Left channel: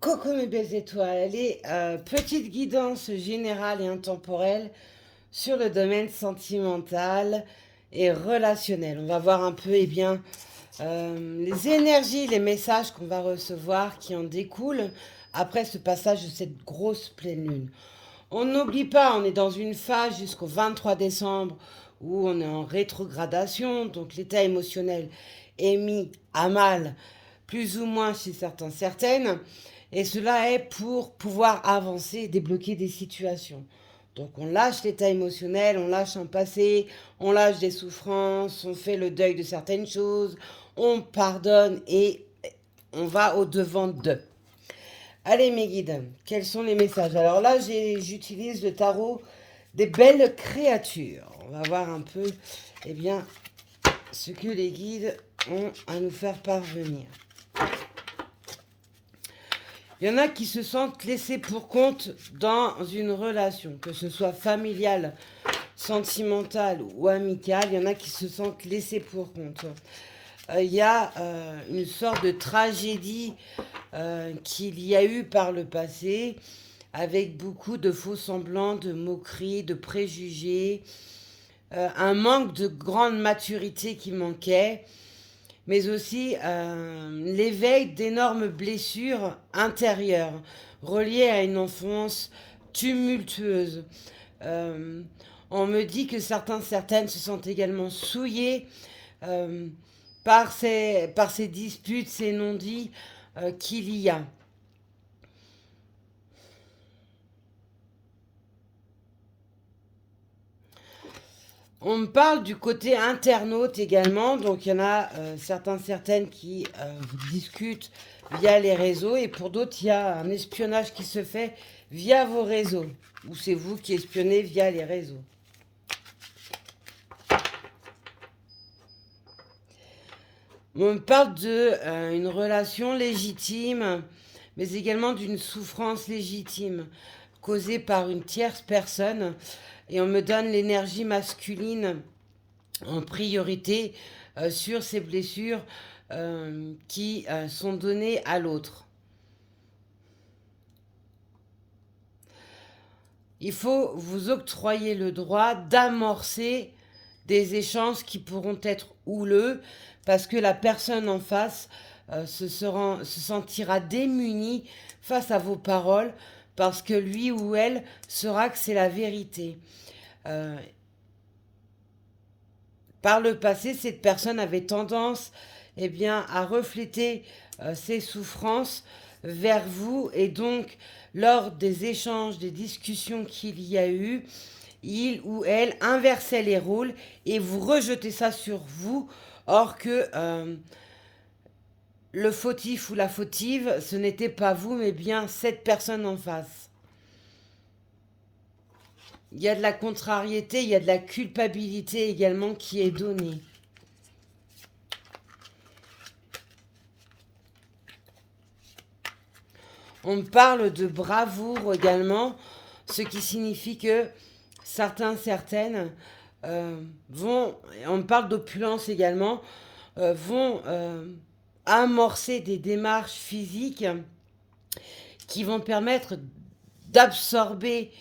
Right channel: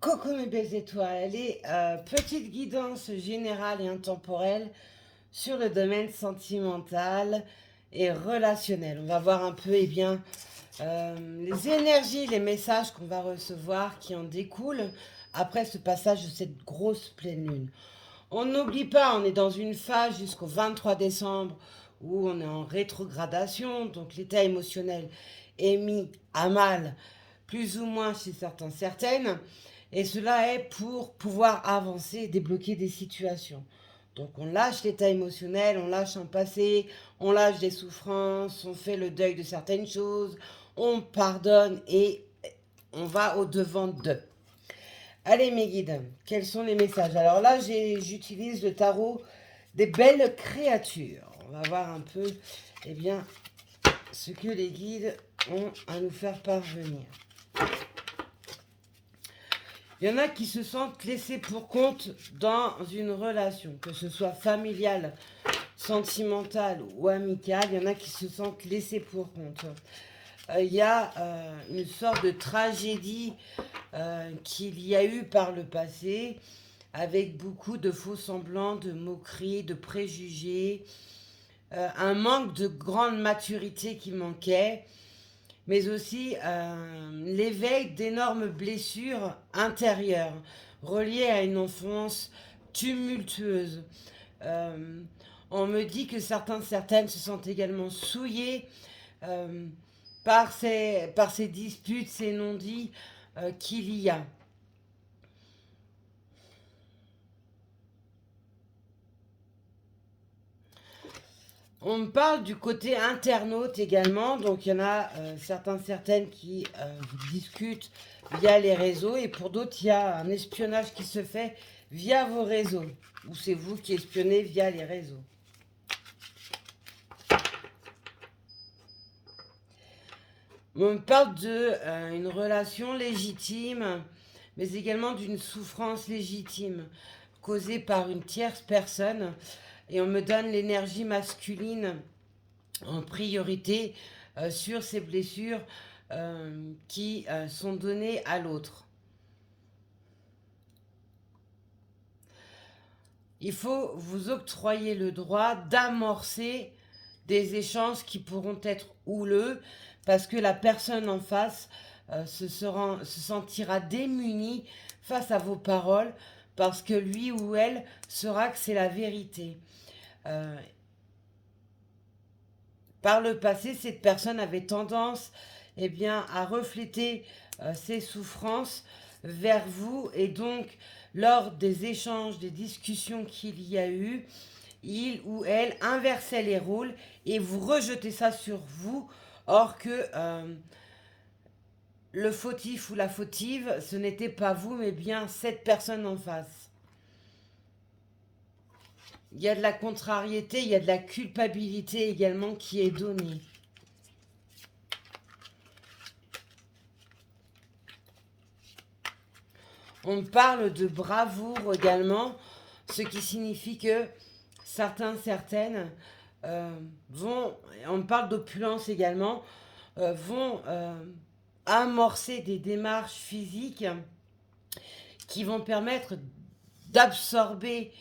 Coucou mes belles étoiles, allez, petite guidance générale et intemporelle sur le domaine sentimental et relationnel. On va voir un peu les énergies, les messages qu'on va recevoir qui en découlent après ce passage de cette grosse pleine lune. On n'oublie pas, on est dans une phase jusqu'au 23 décembre où on est en rétrogradation, donc l'état émotionnel est mis à mal, plus ou moins chez certains, certaines, et cela est pour pouvoir avancer et débloquer des situations. Donc on lâche l'état émotionnel, on lâche un passé, on lâche des souffrances, on fait le deuil de certaines choses, on pardonne et on va au-devant d'eux. Allez mes guides, quels sont les messages? Alors là, j'utilise le tarot des belles créatures. On va voir un peu eh bien, ce que les guides ont à nous faire parvenir. Il y en a qui se sentent laissés pour compte dans une relation, que ce soit familiale, sentimentale ou amicale. Il y en a qui se sentent laissés pour compte. Il y a une sorte de tragédie qu'il y a eu par le passé, avec beaucoup de faux semblants, de moqueries, de préjugés, un manque de grande maturité qui manquait, mais aussi l'éveil d'énormes blessures intérieures reliées à une enfance tumultueuse. Euh, on me dit que certaines se sentent également souillées euh, par ces disputes, ces non-dits qu'il y a. On me parle du côté internaute également, donc il y en a certaines qui discutent via les réseaux et pour d'autres il y a un espionnage qui se fait via vos réseaux, ou c'est vous qui espionnez via les réseaux. On me parle de une relation légitime, mais également d'une souffrance légitime causée par une tierce personne et on me donne l'énergie masculine en priorité sur ces blessures qui sont données à l'autre. Il faut vous octroyer le droit d'amorcer des échanges qui pourront être houleux parce que la personne en face se sentira démunie face à vos paroles parce que lui ou elle saura que c'est la vérité. Euh, Par le passé, cette personne avait tendance à refléter ses souffrances vers vous et donc lors des échanges, des discussions qu'il y a eu, il ou elle inversait les rôles et vous rejetez ça sur vous, or que le fautif ou la fautive, ce n'était pas vous, mais bien cette personne en face. Il y a de la contrariété, il y a de la culpabilité également qui est donnée. On parle de bravoure également, ce qui signifie que certaines vont, on parle d'opulence également, vont amorcer des démarches physiques qui vont permettre d'absorber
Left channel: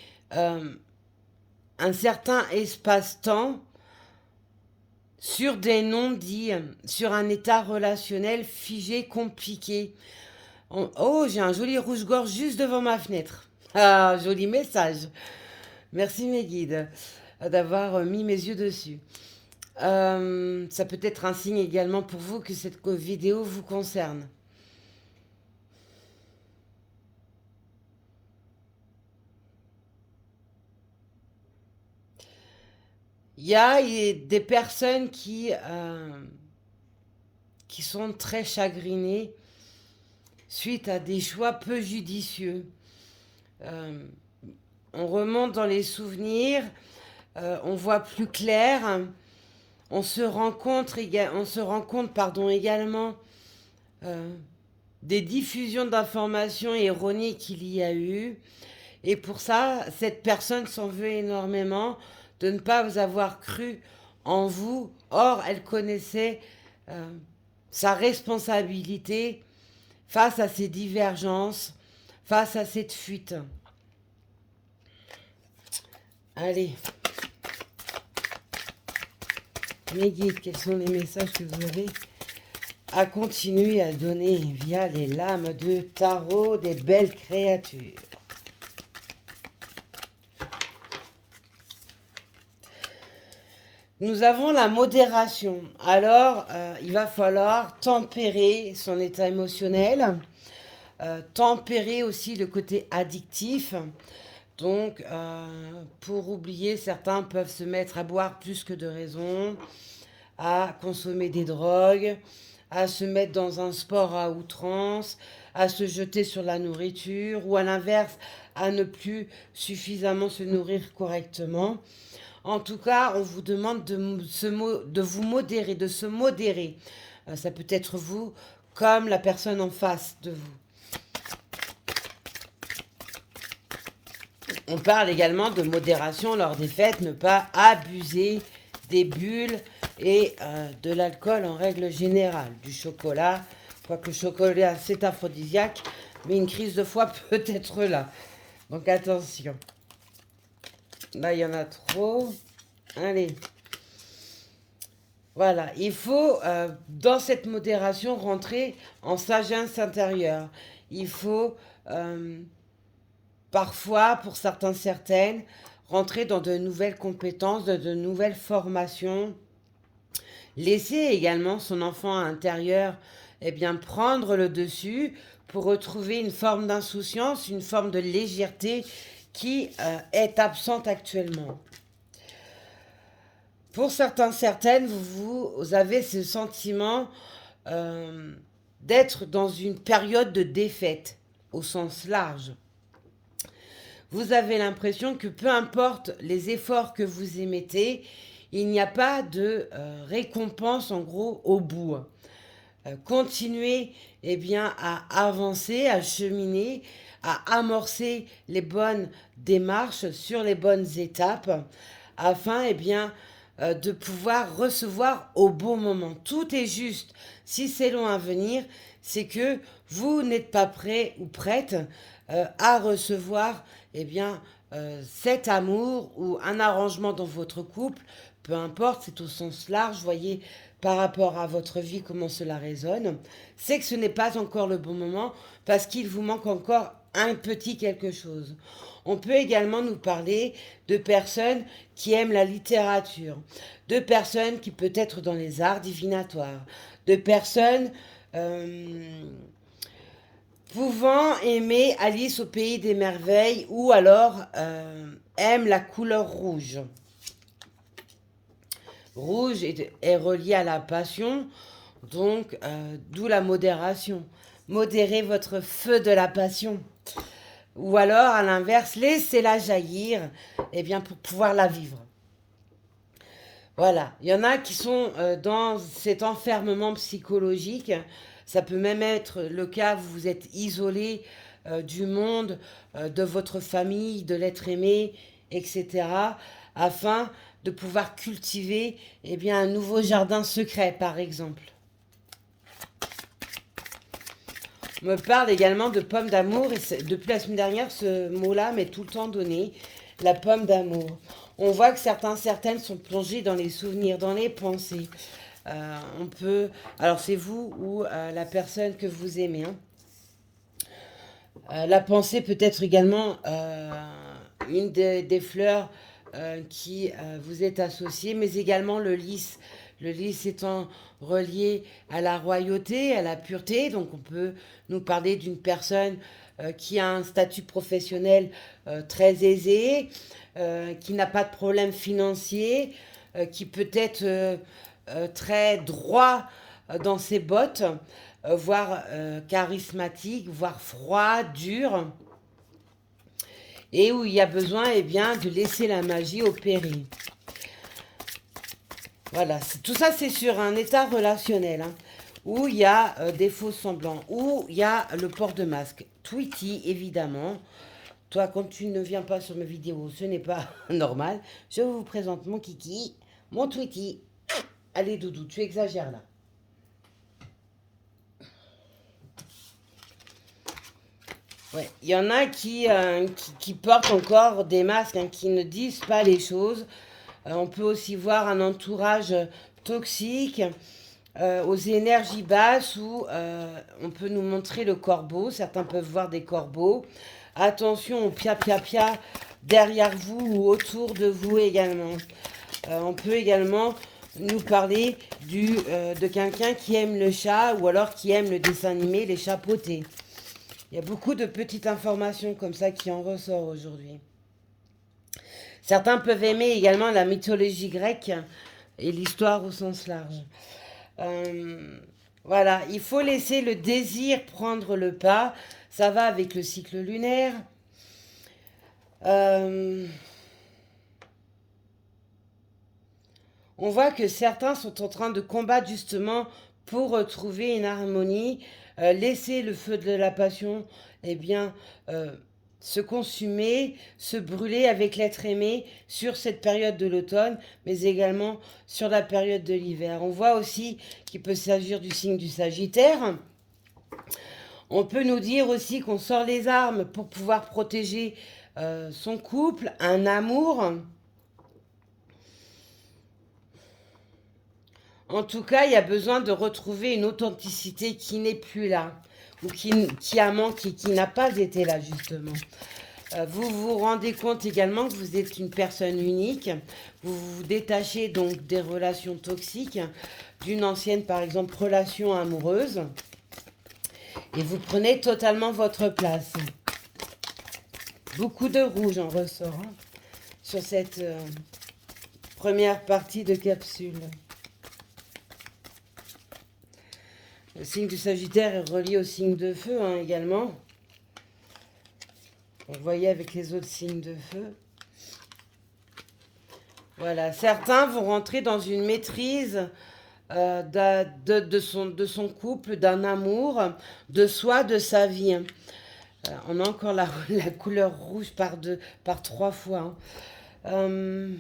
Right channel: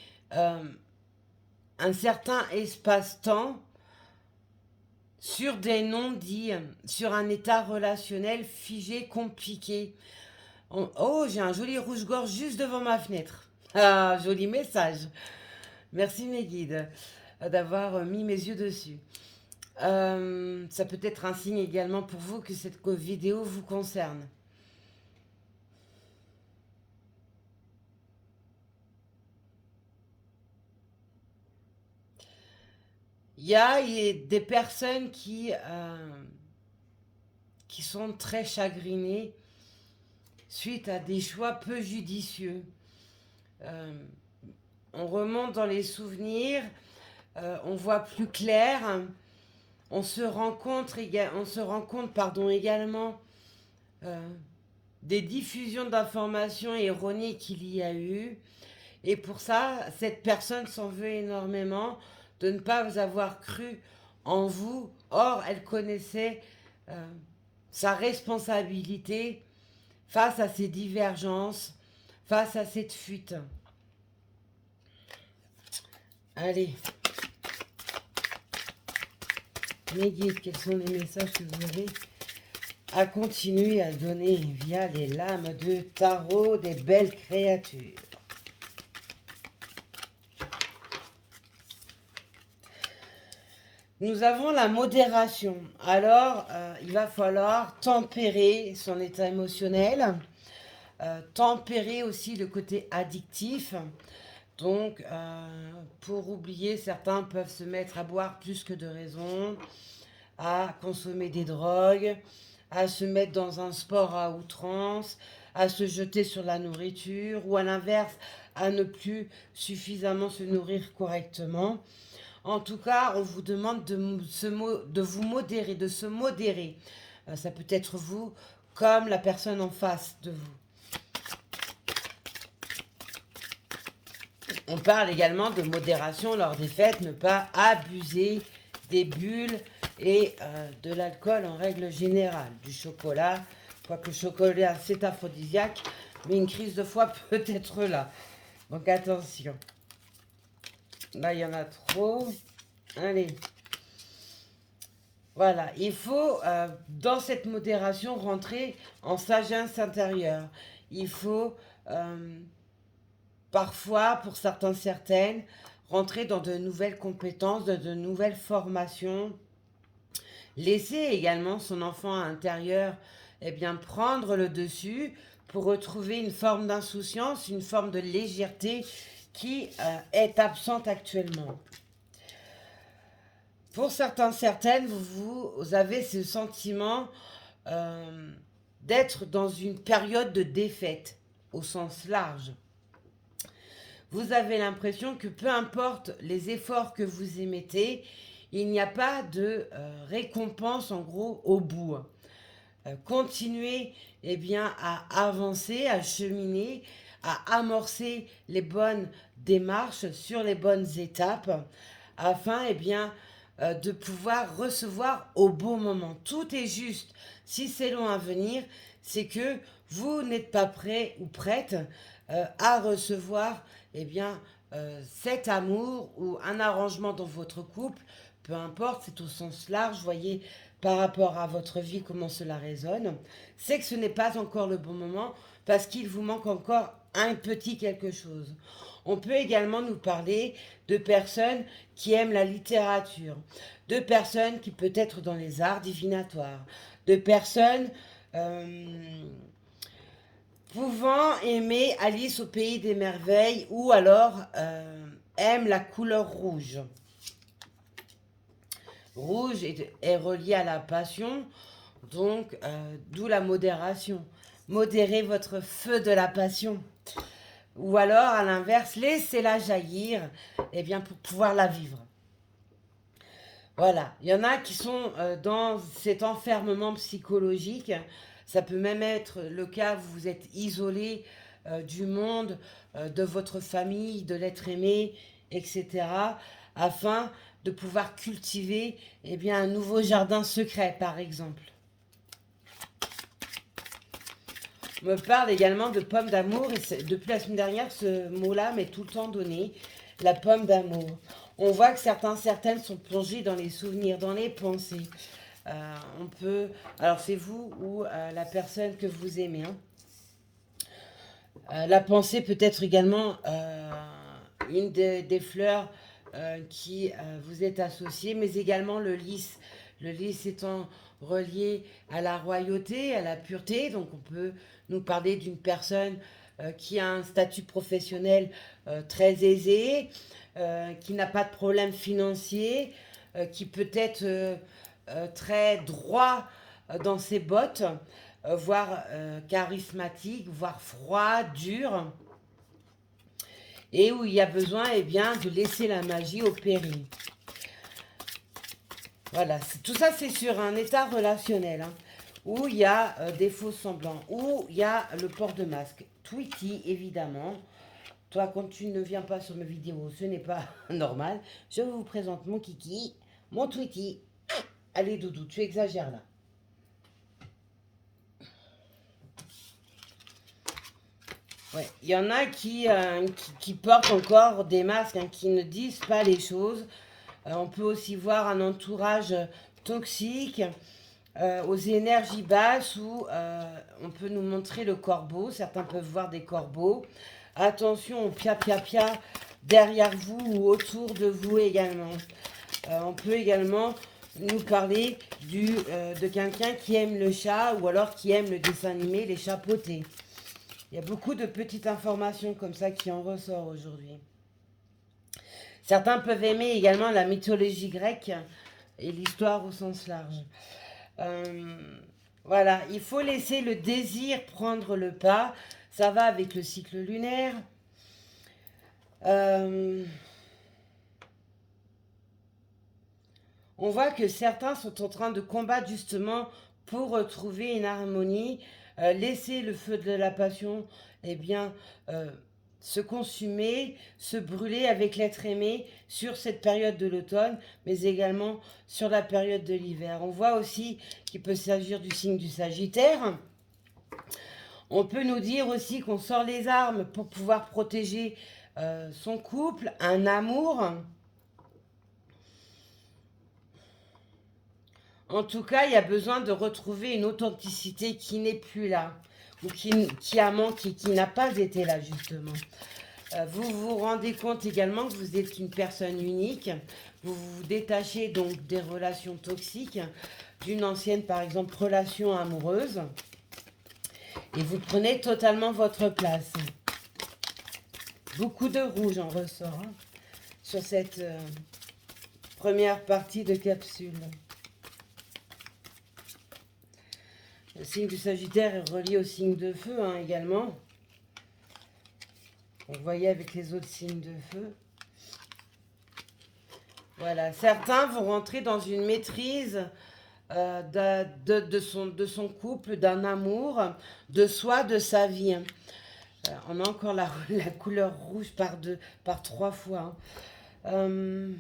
un certain espace-temps sur des non-dits, sur un état relationnel figé, compliqué. Oh, j'ai un joli rouge-gorge juste devant ma fenêtre. Ah, joli message. Merci mes guides d'avoir mis mes yeux dessus. Ça peut être un signe également pour vous que cette vidéo vous concerne. Il y a des personnes qui sont très chagrinées suite à des choix peu judicieux. Euh, on remonte dans les souvenirs, on voit plus clair, on se rend compte, également des diffusions d'informations erronées qu'il y a eu. Et pour ça, cette personne s'en veut énormément de ne pas vous avoir cru en vous. Or, elle connaissait sa responsabilité face à ces divergences. face à cette fuite. Allez. Mes guides, quels sont les messages que vous avez à continuer à donner via les lames de tarot des belles créatures? Nous avons la modération. Alors, il va falloir tempérer son état émotionnel, tempérer aussi le côté addictif. Donc, pour oublier, certains peuvent se mettre à boire plus que de raison, à consommer des drogues, à se mettre dans un sport à outrance, à se jeter sur la nourriture, ou à l'inverse, à ne plus suffisamment se nourrir correctement. En tout cas, on vous demande de vous modérer, de se modérer. Ça peut être vous comme la personne en face de vous. On parle également de modération lors des fêtes, ne pas abuser des bulles et de l'alcool en règle générale. Du chocolat, quoique le chocolat c'est aphrodisiaque, mais une crise de foie peut être là. Donc attention. Là, il y en a trop. Allez. Voilà, il faut, dans cette modération, rentrer en sagesse intérieure. Il faut, parfois, pour certains, certaines, rentrer dans de nouvelles compétences, de nouvelles formations. Laisser également son enfant intérieur, eh bien, prendre le dessus pour retrouver une forme d'insouciance, une forme de légèreté qui est absente actuellement. Pour certains, certaines, vous avez ce sentiment d'être dans une période de défaite, au sens large. Vous avez l'impression que peu importe les efforts que vous émettez, il n'y a pas de récompense en gros au bout. Continuez eh bien, à avancer, à cheminer, à amorcer les bonnes démarches sur les bonnes étapes afin eh bien, de pouvoir recevoir au bon moment. Tout est juste. Si c'est long à venir, c'est que vous n'êtes pas prêt ou prête à recevoir eh bien, cet amour ou un arrangement dans votre couple, peu importe, c'est au sens large, voyez par rapport à votre vie comment cela résonne, c'est que ce n'est pas encore le bon moment parce qu'il vous manque encore un petit quelque chose. On peut également nous parler de personnes qui aiment la littérature, de personnes qui peut être dans les arts divinatoires, de personnes pouvant aimer Alice au pays des merveilles ou alors aiment la couleur rouge. Rouge est relié à la passion, donc d'où la modération. Modérez votre feu de la passion. Ou alors, à l'inverse, laissez-la jaillir eh bien, pour pouvoir la vivre. Voilà, il y en a qui sont dans cet enfermement psychologique. Ça peut même être le cas, vous êtes isolé du monde, de votre famille, de l'être aimé, etc. Afin de pouvoir cultiver eh bien, un nouveau jardin secret, par exemple. On me parle également de pomme d'amour, et depuis la semaine dernière, ce mot-là m'est tout le temps donné, la pomme d'amour. On voit que certaines sont plongées dans les souvenirs, dans les pensées. On peut, alors c'est vous ou la personne que vous aimez. La pensée peut être également une des fleurs qui vous est associée, mais également le lys. Le lys étant relié à la royauté, à la pureté, donc on peut nous parler d'une personne qui a un statut professionnel très aisé, qui n'a pas de problème financier, qui peut être très droit dans ses bottes, voire charismatique, voire froid, dur, et où il y a besoin eh bien, de laisser la magie opérer. Voilà, tout ça c'est sur un état relationnel, où il y a des faux semblants, où il y a le port de masque. Tweety, évidemment. Toi, quand tu ne viens pas sur mes vidéos, ce n'est pas normal. Je vous présente mon kiki, mon Tweety. Allez, Doudou, tu exagères là. Ouais. Il y en a qui portent encore des masques, hein, qui ne disent pas les choses. On peut aussi voir un entourage toxique, aux énergies basses où on peut nous montrer le corbeau. Certains peuvent voir des corbeaux. Attention au pia-pia-pia derrière vous ou autour de vous également. On peut également nous parler de quelqu'un qui aime le chat ou alors qui aime le dessin animé, les chapeautés. Il y a beaucoup de petites informations comme ça qui en ressortent aujourd'hui. Certains peuvent aimer également la mythologie grecque et l'histoire au sens large. Euh, voilà, il faut laisser le désir prendre le pas. Ça va avec le cycle lunaire. Euh, on voit que certains sont en train de combattre justement pour retrouver une harmonie, laisser le feu de la passion, eh bien, euh, se consumer, se brûler avec l'être aimé sur cette période de l'automne, mais également sur la période de l'hiver. On voit aussi qu'il peut s'agir du signe du Sagittaire. On peut nous dire aussi qu'on sort les armes pour pouvoir protéger son couple, un amour. En tout cas, il y a besoin de retrouver une authenticité qui n'est plus là, ou qui a manqué, qui n'a pas été là justement. Vous vous rendez compte également que vous êtes une personne unique. Vous vous détachez donc des relations toxiques, d'une ancienne par exemple relation amoureuse, et vous prenez totalement votre place. Beaucoup de rouge en ressort, hein, sur cette première partie de capsule. Le signe du Sagittaire est relié au signe de feu, hein, également. Vous voyez avec les autres signes de feu. Voilà, certains vont rentrer dans une maîtrise de son couple, d'un amour, de soi, de sa vie. On a encore la couleur rouge par 3 fois. On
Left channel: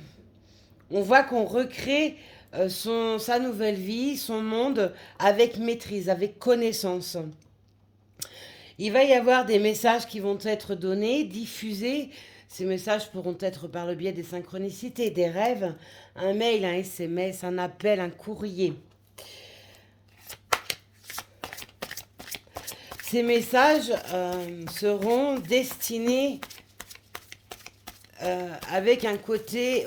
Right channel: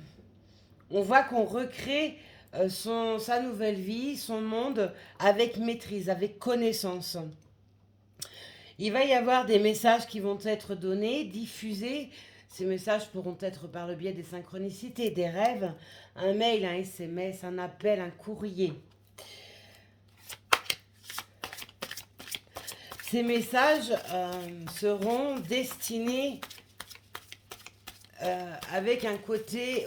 voit qu'on recrée sa nouvelle vie, son monde avec maîtrise, avec connaissance. Il va y avoir des messages qui vont être donnés, diffusés. Ces messages pourront être par le biais des synchronicités, des rêves, un mail, un SMS, un appel, un courrier. Ces messages seront destinés avec un côté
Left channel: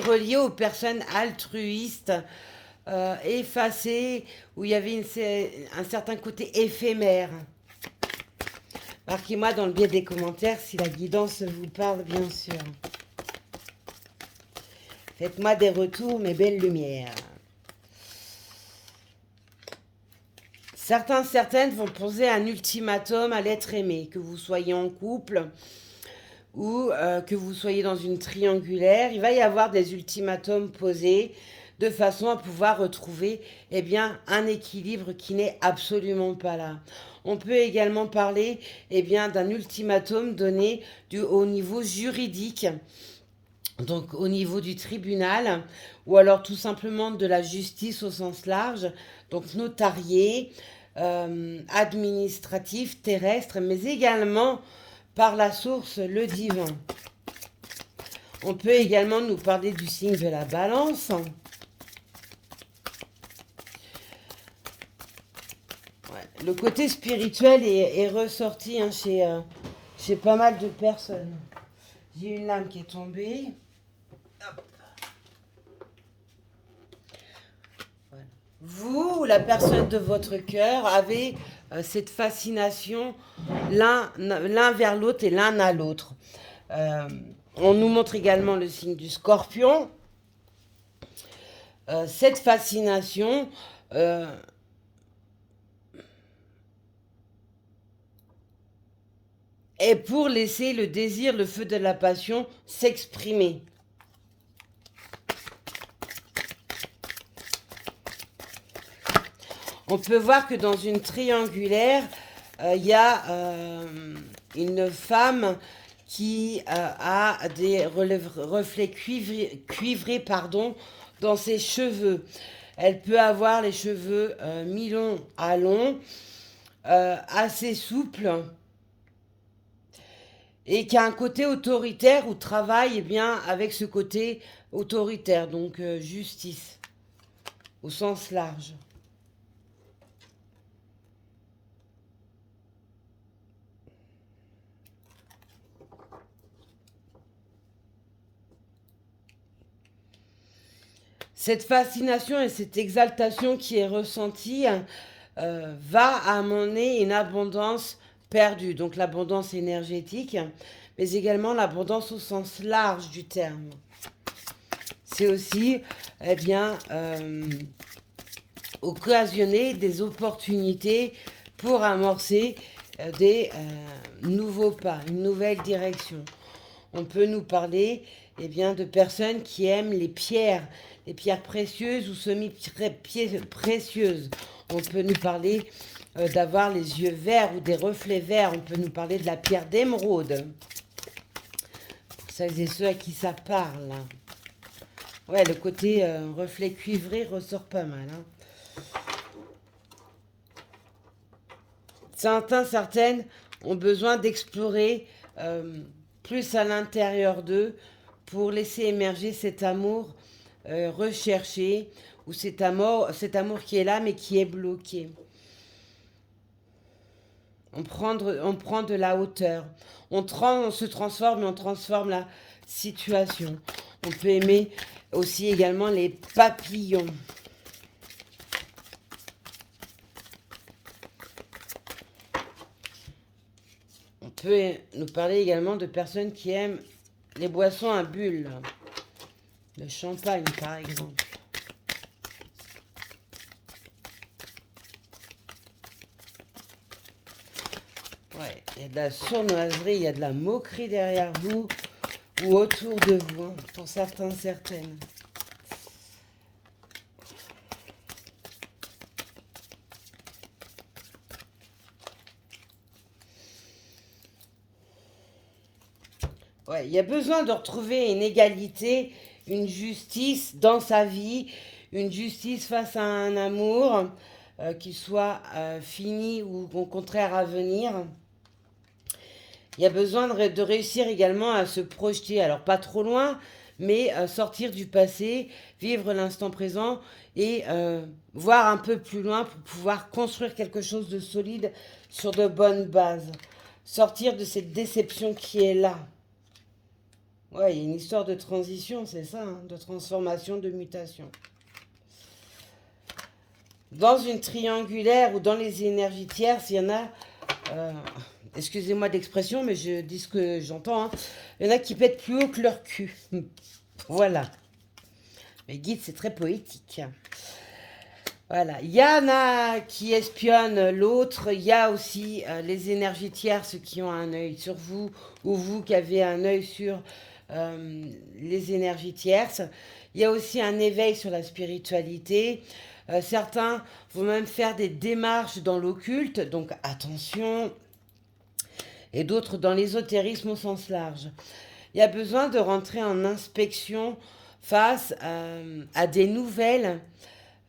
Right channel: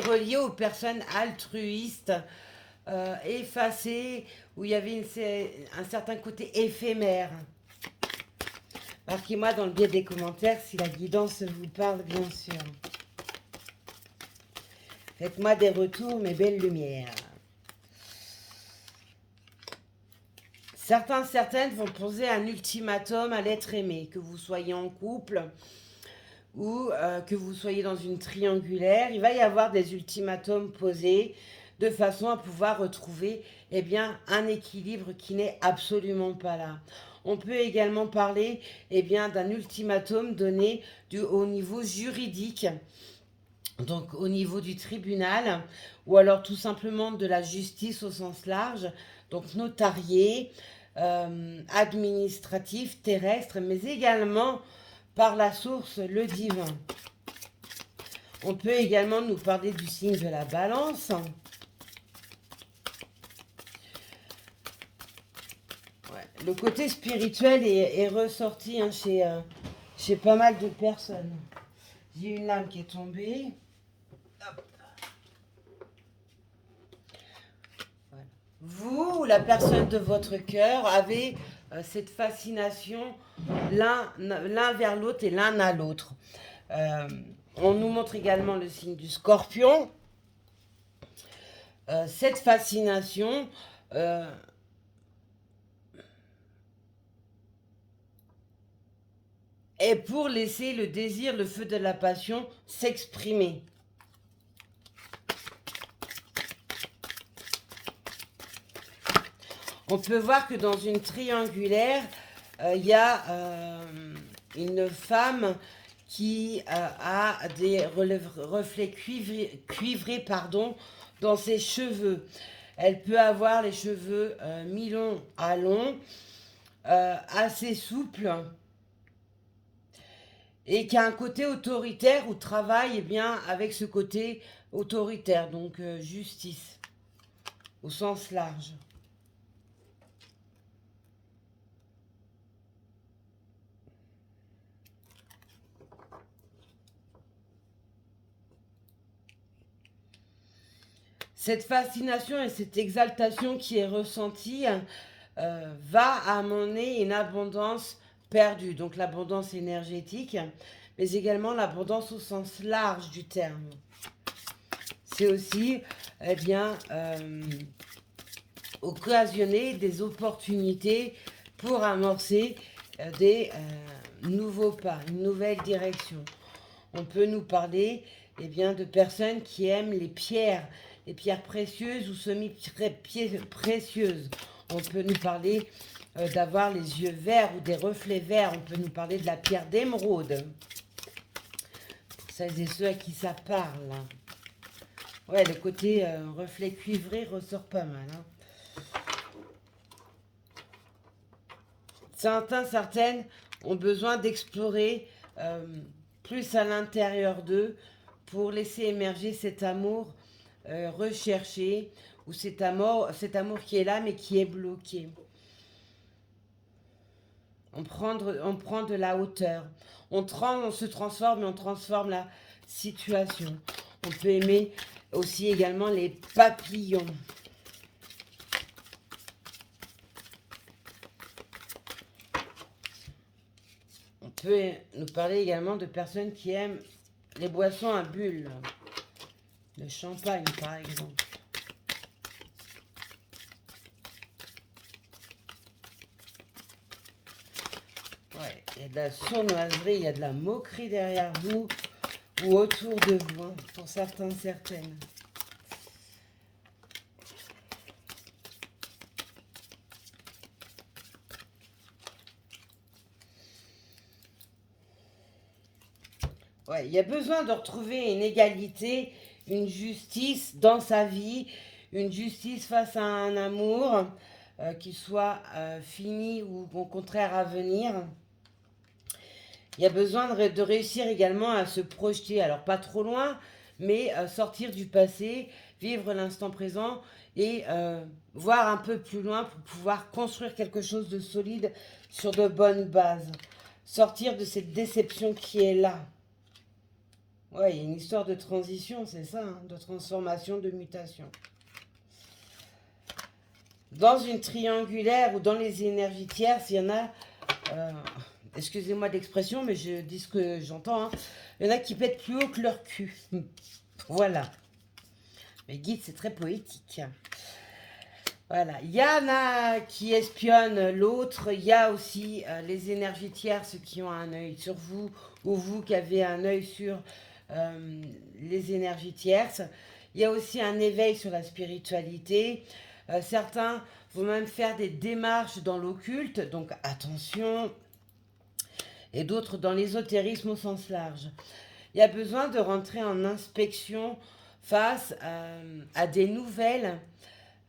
relié aux personnes altruistes, effacées, où il y avait un certain côté éphémère. Marquez-moi dans le biais des commentaires si la guidance vous parle, bien sûr. Faites-moi des retours, mes belles lumières. Certaines vont poser un ultimatum à l'être aimé, que vous soyez en couple ou que vous soyez dans une triangulaire. Il va y avoir des ultimatums posés de façon à pouvoir retrouver un équilibre qui n'est absolument pas là. On peut également parler d'un ultimatum donné au niveau juridique, donc au niveau du tribunal, ou alors tout simplement de la justice au sens large, donc notarié, administratif, terrestre, mais également par la source, le divin. On peut également nous parler du signe de la balance. Le côté spirituel est ressorti chez pas mal de personnes. J'ai une lame qui est tombée. Voilà. Vous ou la personne de votre cœur avez cette fascination l'un vers l'autre et l'un à l'autre. On nous montre également le signe du Scorpion. Cette fascination est pour laisser le désir, le feu de la passion s'exprimer. On peut voir que dans une triangulaire, il y a une femme qui a des reflets cuivrés dans ses cheveux. Elle peut avoir les cheveux mi-longs à longs. assez souple et qui a un côté autoritaire ou travaille eh bien, avec ce côté autoritaire, donc justice au sens large. Cette fascination et cette exaltation qui est ressentie va amener une abondance perdue, donc l'abondance énergétique, mais également l'abondance au sens large du terme. C'est aussi, eh bien, occasionner des opportunités pour amorcer des nouveaux pas, une nouvelle direction. On peut nous parler eh bien, de personnes qui aiment les pierres précieuses ou semi-précieuses. On peut nous parler d'avoir les yeux verts ou des reflets verts. On peut nous parler de la pierre d'émeraude. Pour celles et ceux à qui ça parle. Ouais, le côté reflet cuivré ressort pas mal. Certaines ont besoin d'explorer plus à l'intérieur d'eux pour laisser émerger cet amour recherché ou cet amour qui est là mais qui est bloqué. On prend de la hauteur. On se transforme et on transforme la situation. On peut aimer aussi également les papillons. On peut nous parler également de personnes qui aiment les boissons à bulles. Le champagne, par exemple. Ouais, il y a de la sournoiserie, il y a de la moquerie derrière vous ou autour de vous, hein, pour certains, certaines. Ouais, il y a besoin de retrouver une égalité, une justice dans sa vie, une justice face à un amour qui soit fini ou au contraire à venir. Il y a besoin de réussir également à se projeter, alors pas trop loin, mais sortir du passé, vivre l'instant présent et voir un peu plus loin pour pouvoir construire quelque chose de solide sur de bonnes bases. Sortir de cette déception qui est là. Ouais, il y a une histoire de transition, c'est ça, hein, de transformation, de mutation. Dans une triangulaire ou dans les énergies tierces, il y en a, excusez-moi d'expression, mais je dis ce que j'entends, hein, il y en a qui pètent plus haut que leur cul. Voilà. Mais guide, c'est très poétique. Voilà. Il y en a qui espionnent l'autre. Il y a aussi les énergies tierces qui ont un œil sur vous, ou vous qui avez un œil sur les énergies tierces. Il y a aussi un éveil sur la spiritualité. Certains vont même faire des démarches dans l'occulte, donc attention. Et d'autres dans l'ésotérisme au sens large. Il y a besoin de rentrer en inspection face à des nouvelles,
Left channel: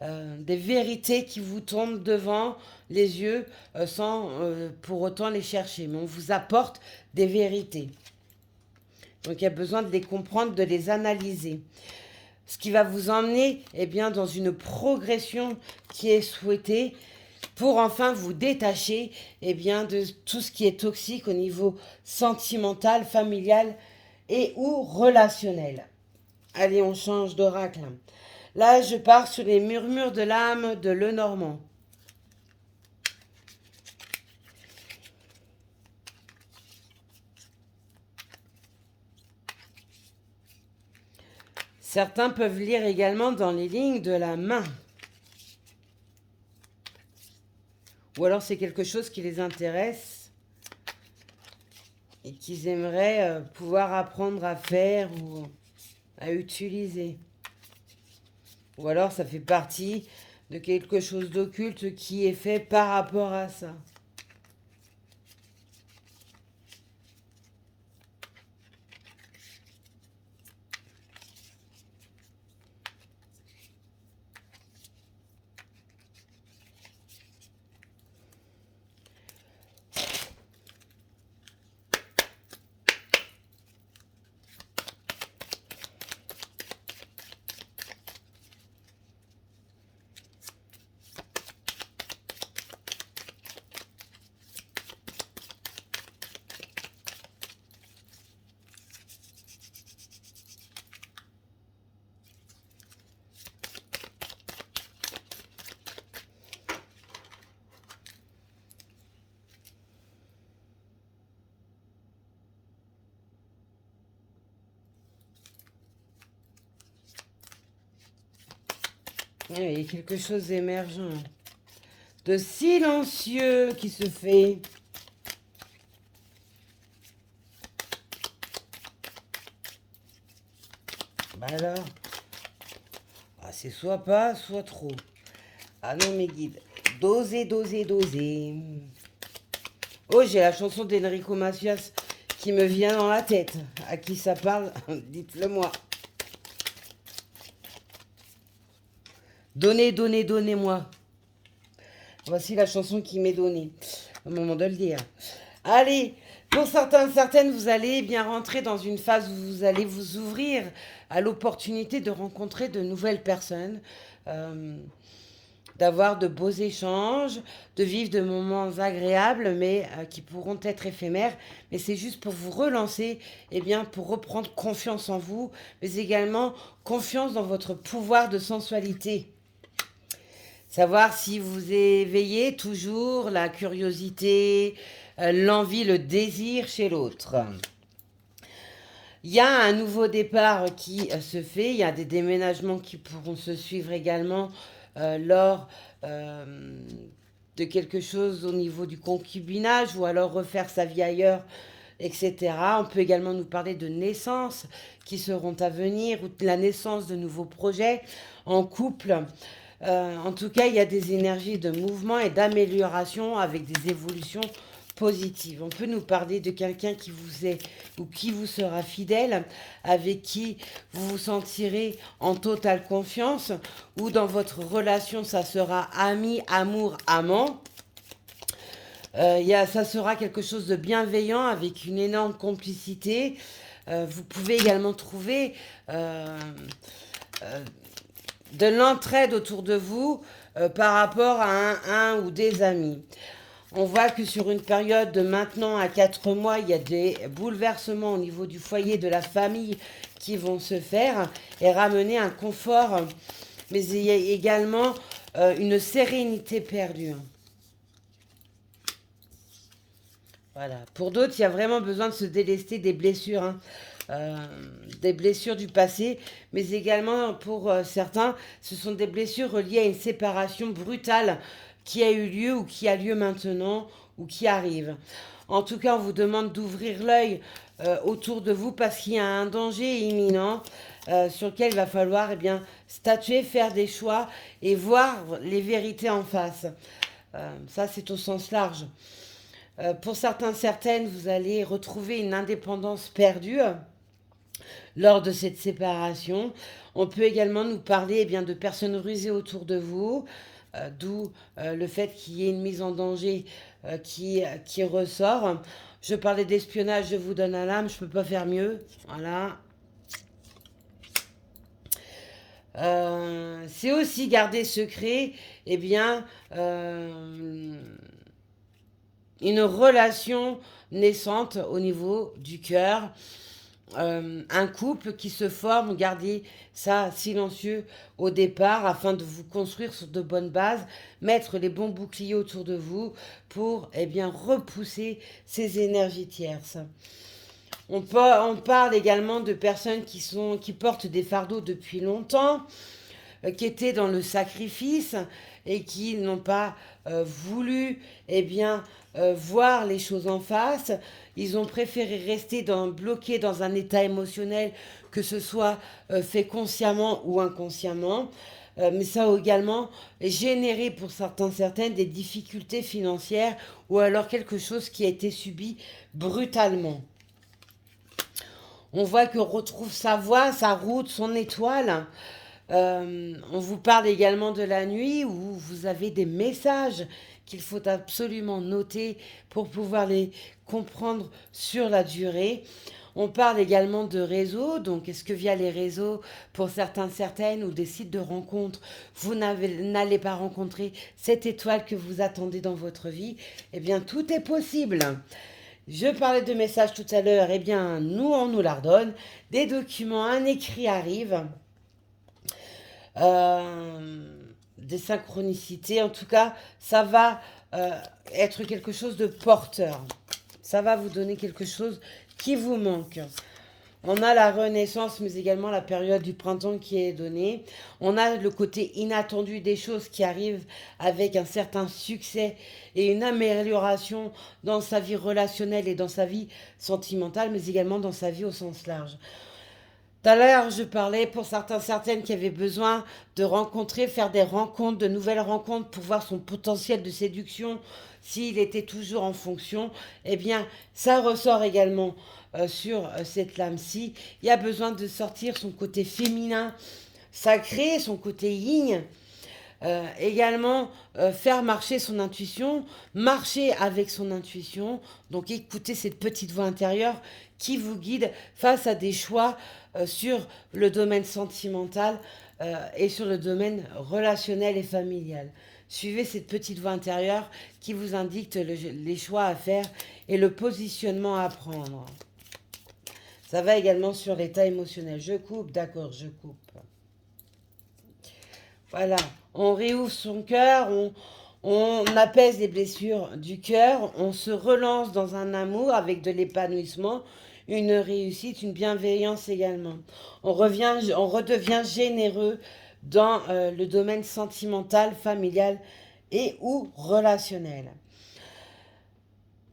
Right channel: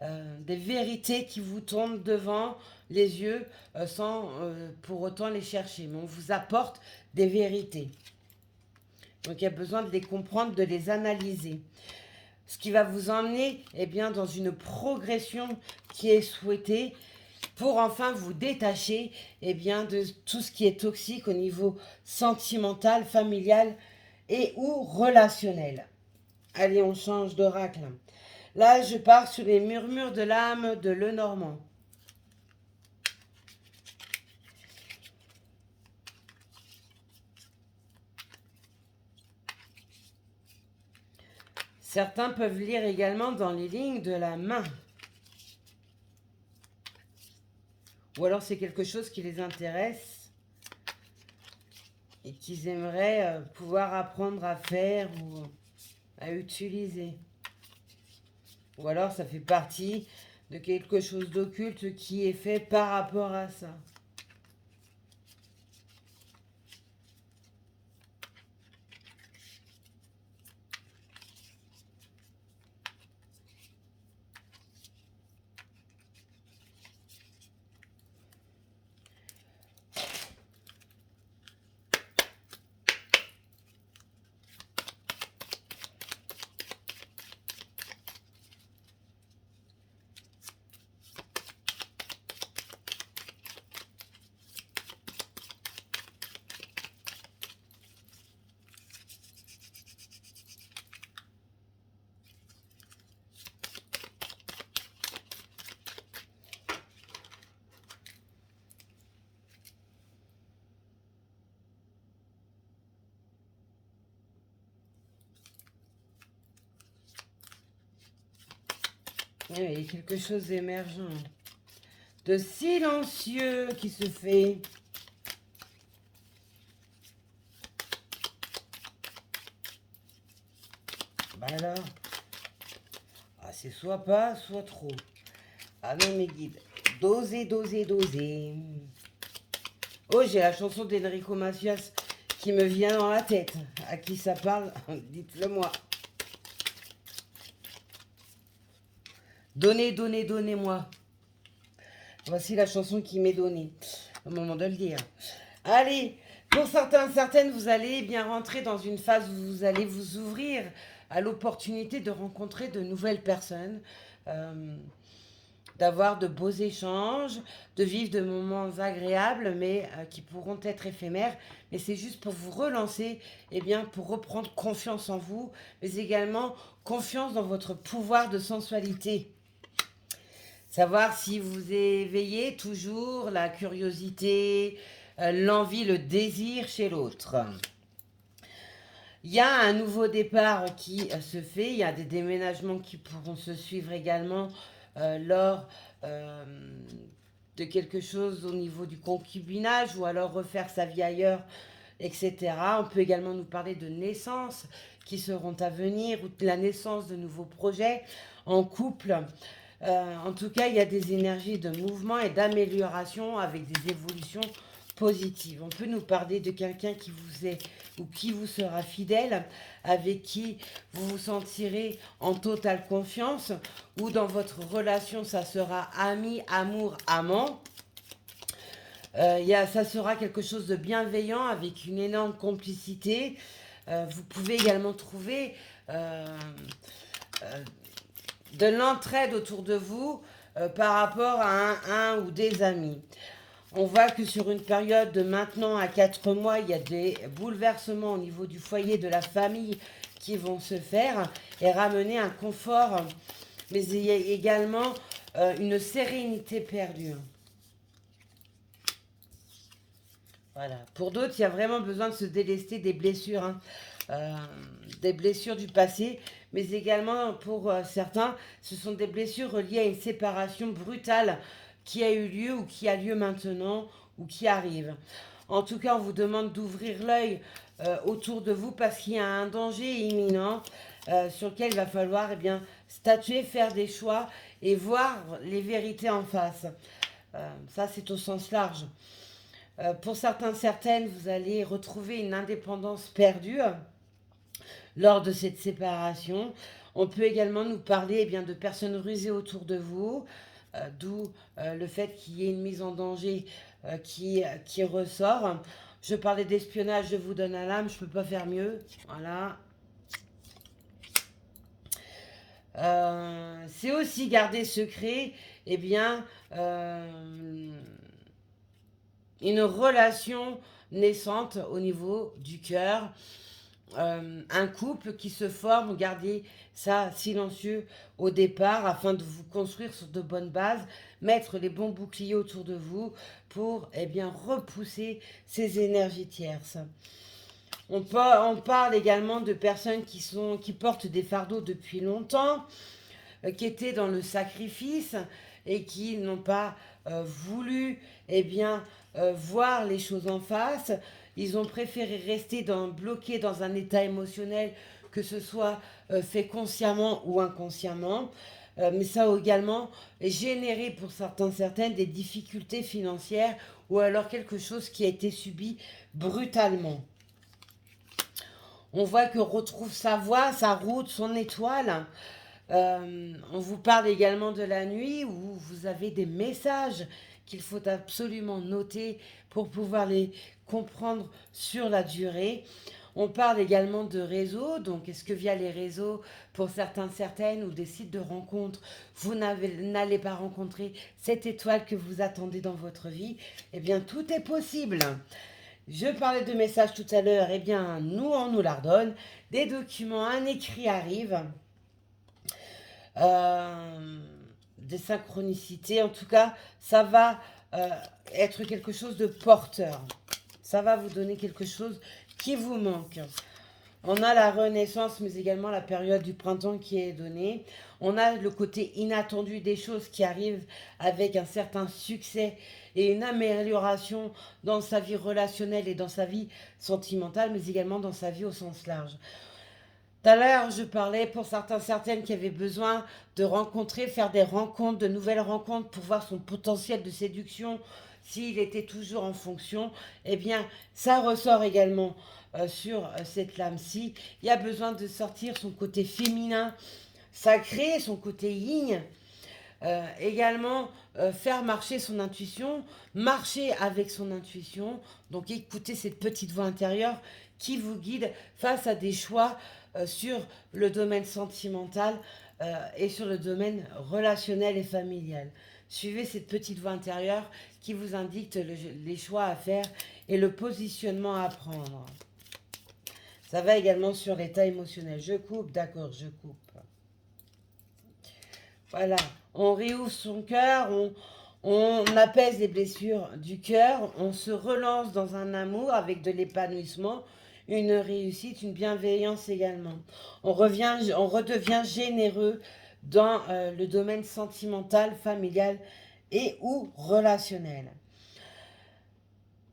des vérités qui vous tombent devant les yeux sans pour autant les chercher. Mais on vous apporte des vérités. Donc il y a besoin de les comprendre, de les analyser. Ce qui va vous emmener eh bien, dans une progression qui est souhaitée pour enfin vous détacher eh bien, de tout ce qui est toxique au niveau sentimental, familial et ou relationnel. Allez, on change d'oracle. Là, je pars sur les murmures de l'âme de Lenormand. Certains peuvent lire également dans les lignes de la main. Ou alors c'est quelque chose qui les intéresse et qu'ils aimeraient pouvoir apprendre à faire ou à utiliser. Ou alors ça fait partie de quelque chose d'occulte qui est fait par rapport à ça. Oui, il y a quelque chose d'émergent, de silencieux qui se fait. Bah alors, ah, c'est soit pas, soit trop. Ah non, mes guides, doser, doser, doser. Oh, j'ai la chanson d'Enrico Macias qui me vient dans la tête. À qui ça parle? Dites-le moi. Donnez, donnez, donnez-moi. Voici la chanson qui m'est donnée. Au moment de le dire. Allez, pour certains, certaines, vous allez bien rentrer dans une phase où vous allez vous ouvrir à l'opportunité de rencontrer de nouvelles personnes, d'avoir de beaux échanges, de vivre de moments agréables, mais qui pourront être éphémères. Mais c'est juste pour vous relancer, et bien pour reprendre confiance en vous, mais également confiance dans votre pouvoir de sensualité. Savoir si vous éveillez toujours la curiosité, l'envie, le désir chez l'autre. Il y a un nouveau départ qui se fait, il y a des déménagements qui pourront se suivre également lors de quelque chose au niveau du concubinage ou alors refaire sa vie ailleurs, etc. On peut également nous parler de naissances qui seront à venir ou de la naissance de nouveaux projets en couple. En tout cas, il y a des énergies de mouvement et d'amélioration avec des évolutions positives. On peut nous parler de quelqu'un qui vous est ou qui vous sera fidèle, avec qui vous vous sentirez en totale confiance, ou dans votre relation, ça sera ami, amour, amant. Ça sera quelque chose de bienveillant avec une énorme complicité. Vous pouvez également trouver de l'entraide autour de vous par rapport à un ou des amis. On voit que sur une période de maintenant à 4 mois, il y a des bouleversements au niveau du foyer, de la famille qui vont se faire et ramener un confort, mais il y a également une sérénité perdue. Voilà. Pour d'autres, il y a vraiment besoin de se délester des blessures, des blessures du passé, mais également pour certains, ce sont des blessures reliées à une séparation brutale qui a eu lieu ou qui a lieu maintenant ou qui arrive. En tout cas, on vous demande d'ouvrir l'œil autour de vous parce qu'il y a un danger imminent sur lequel il va falloir statuer, faire des choix et voir les vérités en face. Ça, c'est au sens large. Pour certains, certaines, vous allez retrouver une indépendance perdue lors de cette séparation. On peut également nous parler de personnes rusées autour de vous, d'où le fait qu'il y ait une mise en danger qui ressort. Je parlais d'espionnage, je vous donne un lame, je ne peux pas faire mieux. Voilà. C'est aussi garder secret, une relation naissante au niveau du cœur, un couple qui se forme, gardez ça silencieux au départ afin de vous construire sur de bonnes bases, mettre les bons boucliers autour de vous pour repousser ces énergies tierces. On parle également de personnes qui portent des fardeaux depuis longtemps, qui étaient dans le sacrifice et qui n'ont pas voulu voir les choses en face. Ils ont préféré rester bloqués dans un état émotionnel, que ce soit fait consciemment ou inconsciemment. Mais ça a également généré pour certaines des difficultés financières ou alors quelque chose qui a été subi brutalement. On voit qu'on retrouve sa voie, sa route, son étoile. On vous parle également de la nuit où vous avez des messages qu'il faut absolument noter pour pouvoir les comprendre sur la durée. On parle également de réseaux, donc est-ce que via les réseaux, pour certaines ou des sites de rencontres, vous n'allez pas rencontrer cette étoile que vous attendez dans votre vie? Eh bien, tout est possible. Je parlais de messages tout à l'heure, nous, on nous la redonne. Des documents, un écrit arrive. Des synchronicités. En tout cas, ça va être quelque chose de porteur. Ça va vous donner quelque chose qui vous manque. On a la renaissance, mais également la période du printemps qui est donnée. On a le côté inattendu des choses qui arrivent avec un certain succès et une amélioration dans sa vie relationnelle et dans sa vie sentimentale, mais également dans sa vie au sens large. Tout à l'heure, je parlais pour certains, certaines qui avaient besoin de rencontrer, faire des rencontres, de nouvelles rencontres pour voir son potentiel de séduction, s'il était toujours en fonction. Eh bien, ça ressort également sur cette lame-ci. Il y a besoin de sortir son côté féminin sacré, son côté yin. Également, faire marcher son intuition, marcher avec son intuition. Donc, écoutez cette petite voix intérieure qui vous guide face à des choix sur le domaine sentimental et sur le domaine relationnel et familial. Suivez cette petite voix intérieure qui vous indique les choix à faire et le positionnement à prendre. Ça va également sur l'état émotionnel. Je coupe, d'accord, je coupe. Voilà, on réouvre son cœur, on apaise les blessures du cœur, on se relance dans un amour avec de l'épanouissement, une réussite, une bienveillance également. On redevient généreux dans le domaine sentimental, familial et ou relationnel.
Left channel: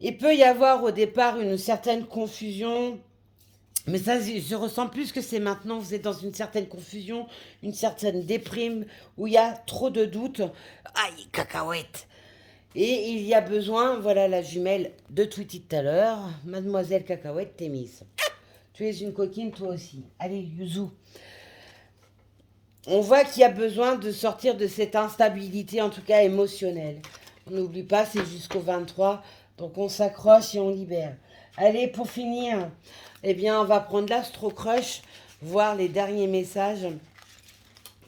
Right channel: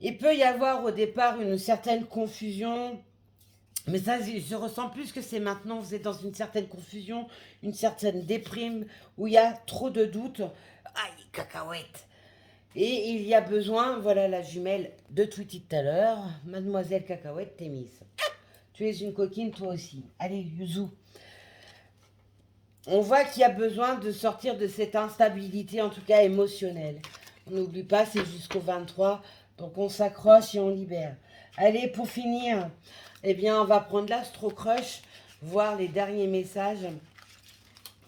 Il peut y avoir au départ une certaine confusion, mais ça, je ressens plus que c'est maintenant, vous êtes dans une certaine confusion, une certaine déprime, où il y a trop de doutes. Aïe, cacahuète. Et il y a besoin, voilà la jumelle de Tweety tout à l'heure, Mademoiselle Cacahuète, t'es mise. Tu es une coquine, toi aussi. Allez, Yuzu. On voit qu'il y a besoin de sortir de cette instabilité, en tout cas émotionnelle. On n'oublie pas, c'est jusqu'au 23, donc on s'accroche et on libère. Allez, pour finir, eh bien, on va prendre l'Astro Crush, voir les derniers messages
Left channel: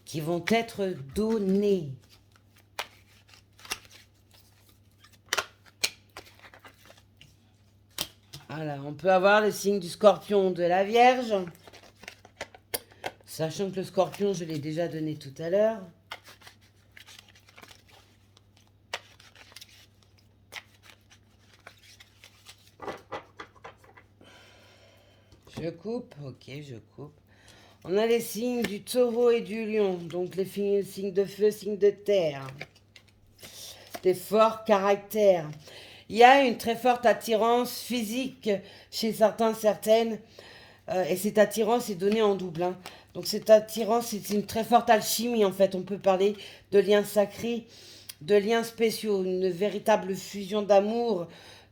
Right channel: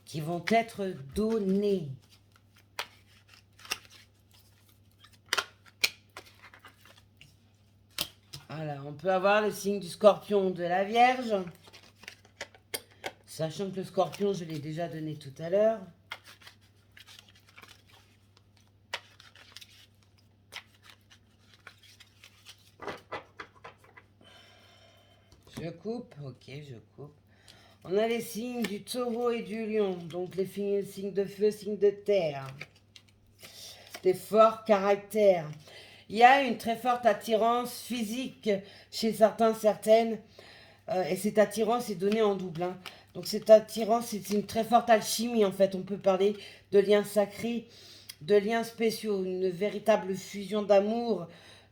qui vont être donnés. Voilà, on peut avoir le signe du Scorpion, de la Vierge. Sachant que le Scorpion, je l'ai déjà donné tout à l'heure. Je coupe, ok, je coupe. On a les signes du Taureau et du Lion, donc les signes de feu, signes de terre. Des forts caractères. Il y a une très forte attirance physique chez certains, certaines, et cette attirance est donnée en double. Hein. Donc cette attirance, c'est une très forte alchimie en fait. On peut parler de liens sacrés, de liens spéciaux, une véritable fusion d'amour,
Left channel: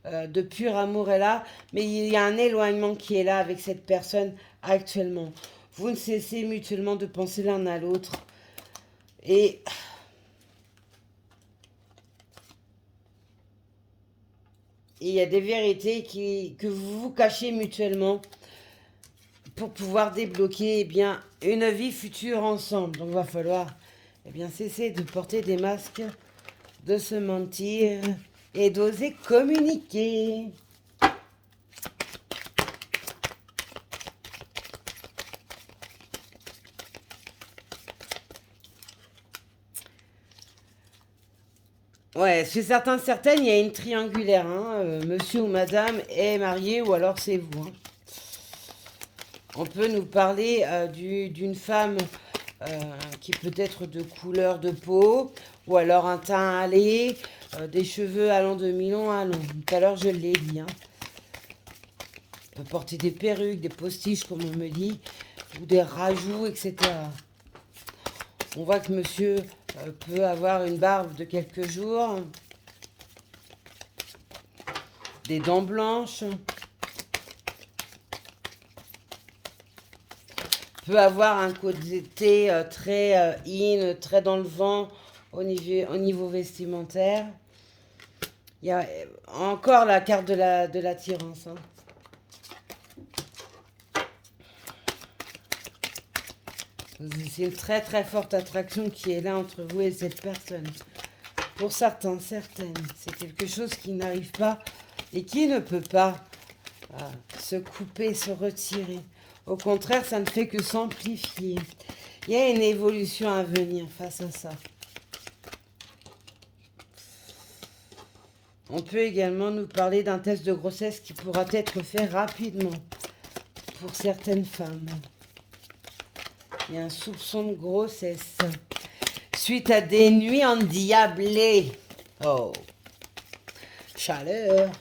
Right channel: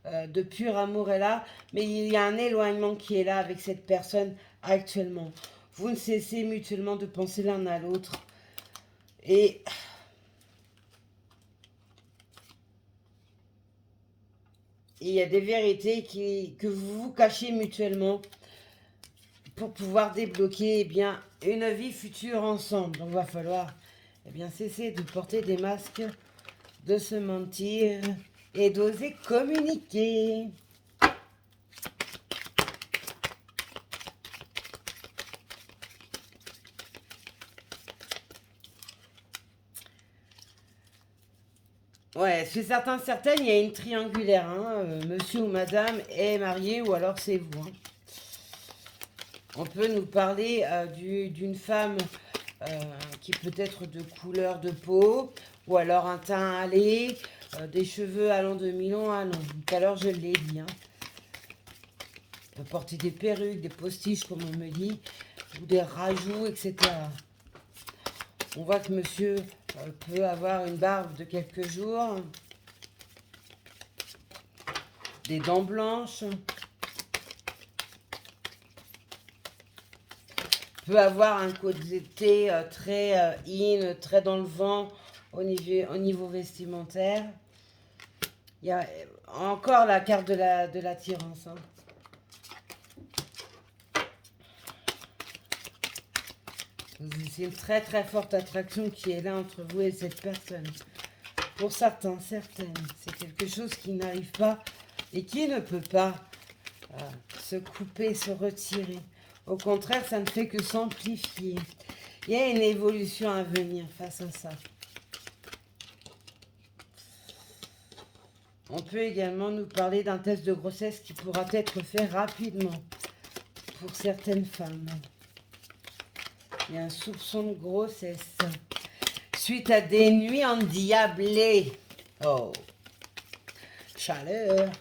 de pur amour est là. Mais il y a un éloignement qui est là avec cette personne actuellement. Vous ne cessez mutuellement de penser l'un à l'autre. Et il y a des vérités que vous vous cachez mutuellement pour pouvoir débloquer eh bien, une vie future ensemble. Donc il va falloir eh bien, cesser de porter des masques, de se mentir et d'oser communiquer. Ouais, chez certains, certaines, il y a une triangulaire. Hein, monsieur ou madame est marié ou alors c'est vous. Hein. On peut nous parler d'une femme qui peut être de couleur de peau, ou alors un teint hâlé, des cheveux allant de mi-long à long. Tout à l'heure, je l'ai dit. Hein. On peut porter des perruques, des postiches, comme on me dit, ou des rajouts, etc. On voit que monsieur peut avoir une barbe de quelques jours, des dents blanches, peut avoir un côté très in, très dans le vent au niveau vestimentaire. Il y a encore la carte de l'attirance. Hein. C'est une très très forte attraction qui est là entre vous et cette personne. Pour certains, certaines, c'est quelque chose qui n'arrive pas et qui ne peut pas se couper, se retirer. Au contraire, ça ne fait que s'amplifier. Il y a une évolution à venir face à ça. On peut également nous parler d'un test de grossesse qui pourra être fait rapidement pour certaines femmes. Il y a un soupçon de grossesse. Suite à des nuits endiablées. Oh. Chaleur.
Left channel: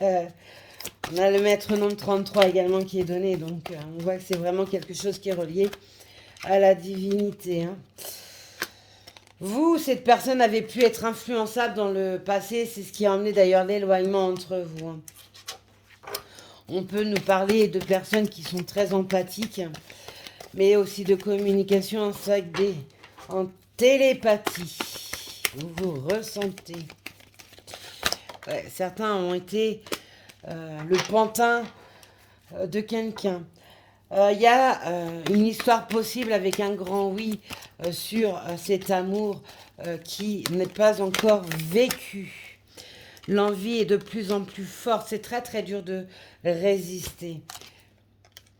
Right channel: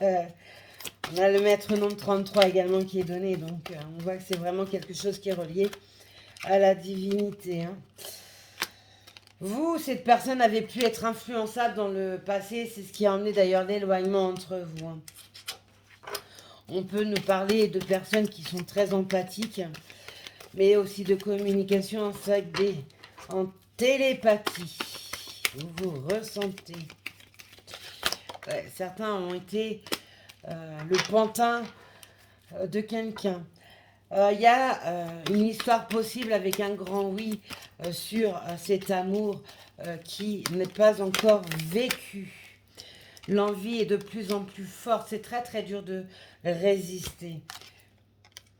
On a le maître nombre 33 également qui est donné. Donc, on voit que c'est vraiment quelque chose qui est relié à la divinité. Hein. Vous, cette personne avait pu être influençable dans le passé. C'est ce qui a emmené d'ailleurs l'éloignement entre vous. Hein. On peut nous parler de personnes qui sont très empathiques, mais aussi de communication en télépathie. Vous ressentez. Ouais, certains ont été le pantin de quelqu'un. Il y a une histoire possible avec un grand oui sur cet amour qui n'est pas encore vécu. L'envie est de plus en plus forte. C'est très très dur de résister.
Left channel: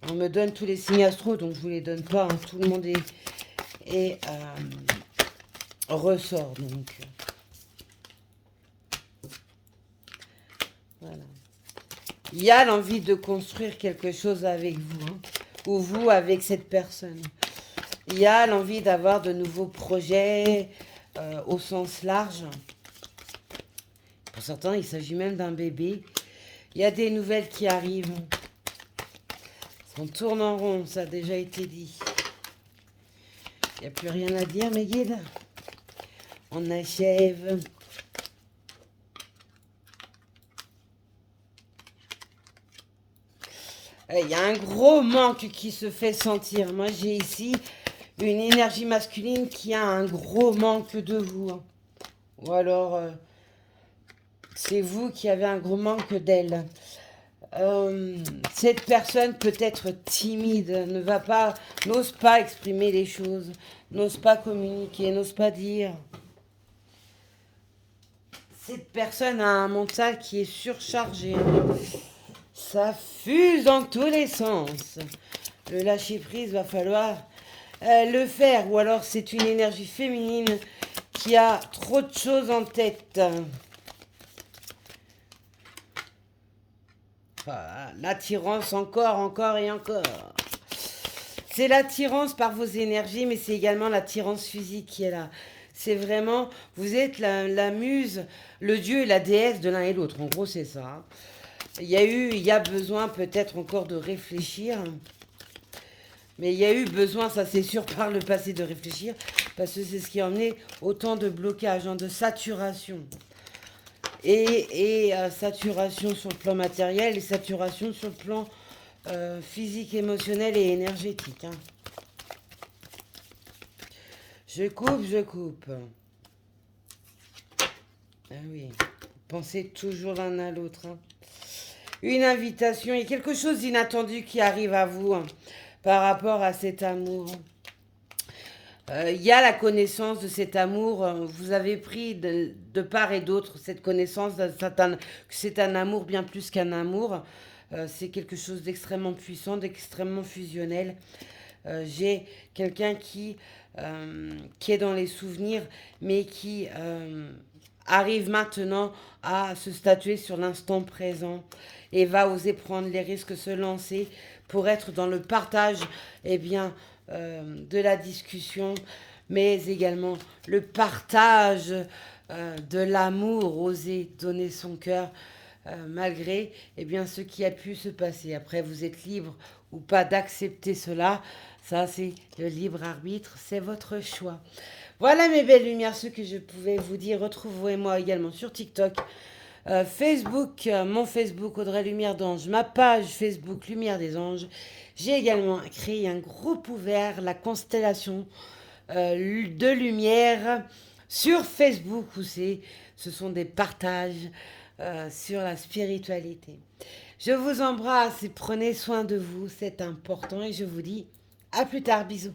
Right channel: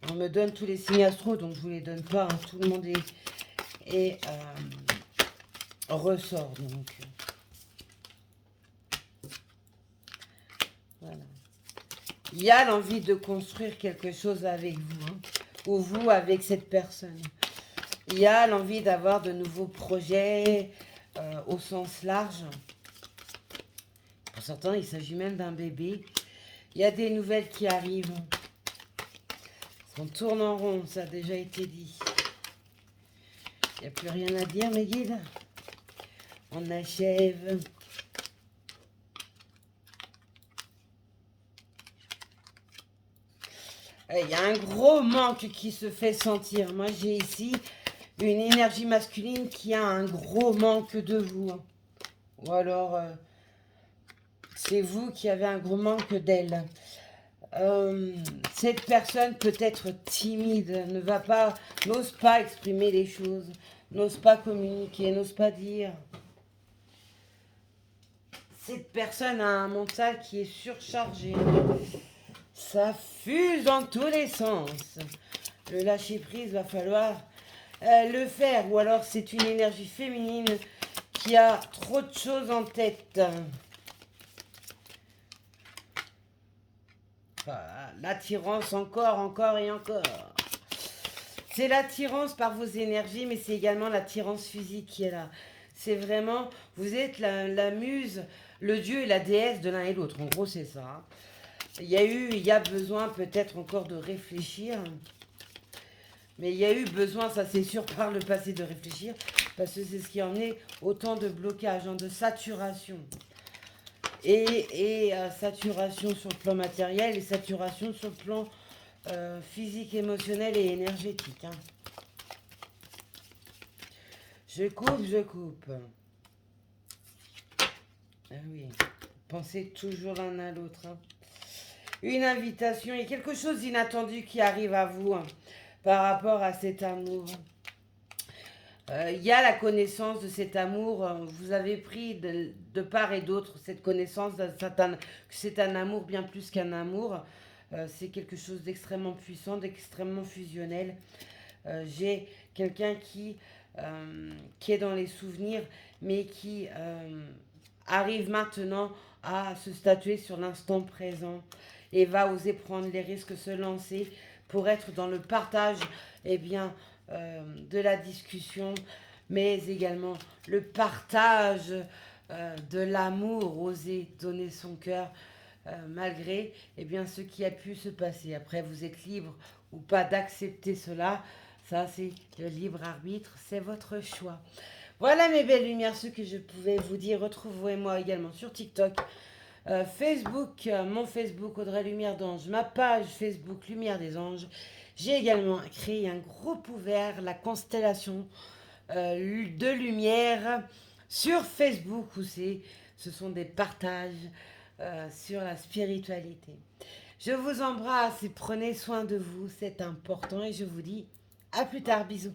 On me donne tous les signes astro, donc je ne vous les donne pas. Hein. Tout le monde est ressort. Donc. Voilà. Il y a l'envie de construire quelque chose avec vous. Hein, ou vous avec cette personne. Il y a l'envie d'avoir de nouveaux projets au sens large. Pour certains, il s'agit même d'un bébé. Il y a des nouvelles qui arrivent. On tourne en rond, ça a déjà été dit. Il n'y a plus rien à dire, mes guides. On achève. Il y a un gros manque qui se fait sentir. Moi, j'ai ici une énergie masculine qui a un gros manque de vous. Hein. Ou alors, c'est vous qui avez un gros manque d'elle. Cette personne peut être timide, n'ose pas exprimer les choses, n'ose pas communiquer, n'ose pas dire. Cette personne a un mental qui est surchargé. Ça fuse dans tous les sens. Le lâcher prise, va falloir le faire. Ou alors c'est une énergie féminine qui a trop de choses en tête. Voilà, l'attirance encore et encore. C'est l'attirance par vos énergies, mais c'est également l'attirance physique qui est là. C'est vraiment, vous êtes la muse, le dieu et la déesse de l'un et l'autre. En gros, c'est ça. Hein. Il y a besoin peut-être encore de réfléchir. Mais il y a eu besoin, ça c'est sûr, par le passé de réfléchir. Parce que c'est ce qui a emmené autant de blocages, hein, de saturation. Et saturation sur le plan matériel et saturation sur le plan physique, émotionnel et énergétique. Hein. Je coupe. Ah oui, pensez toujours l'un à l'autre. Hein. Une invitation, il y a quelque chose d'inattendu qui arrive à vous hein, par rapport à cet amour. Il y a la connaissance de cet amour. Vous avez pris de part et d'autre cette connaissance que c'est un amour bien plus qu'un amour. C'est quelque chose d'extrêmement puissant, d'extrêmement fusionnel. J'ai quelqu'un qui est dans les souvenirs, mais qui arrive maintenant à se statuer sur l'instant présent et va oser prendre les risques, se lancer pour être dans le partage de la discussion, mais également le partage de l'amour, oser donner son cœur malgré ce qui a pu se passer. Après, vous êtes libre ou pas d'accepter cela. Ça, c'est le libre arbitre, c'est votre choix. Voilà mes belles lumières, ce que je pouvais vous dire. Retrouvez-moi également sur TikTok, Facebook, mon Facebook Audrey Lumière d'Ange, ma page Facebook Lumière des Anges. J'ai également créé un groupe ouvert, la constellation de lumière sur Facebook où ce sont des partages sur la spiritualité. Je vous embrasse et prenez soin de vous, c'est important et je vous dis à plus tard, bisous.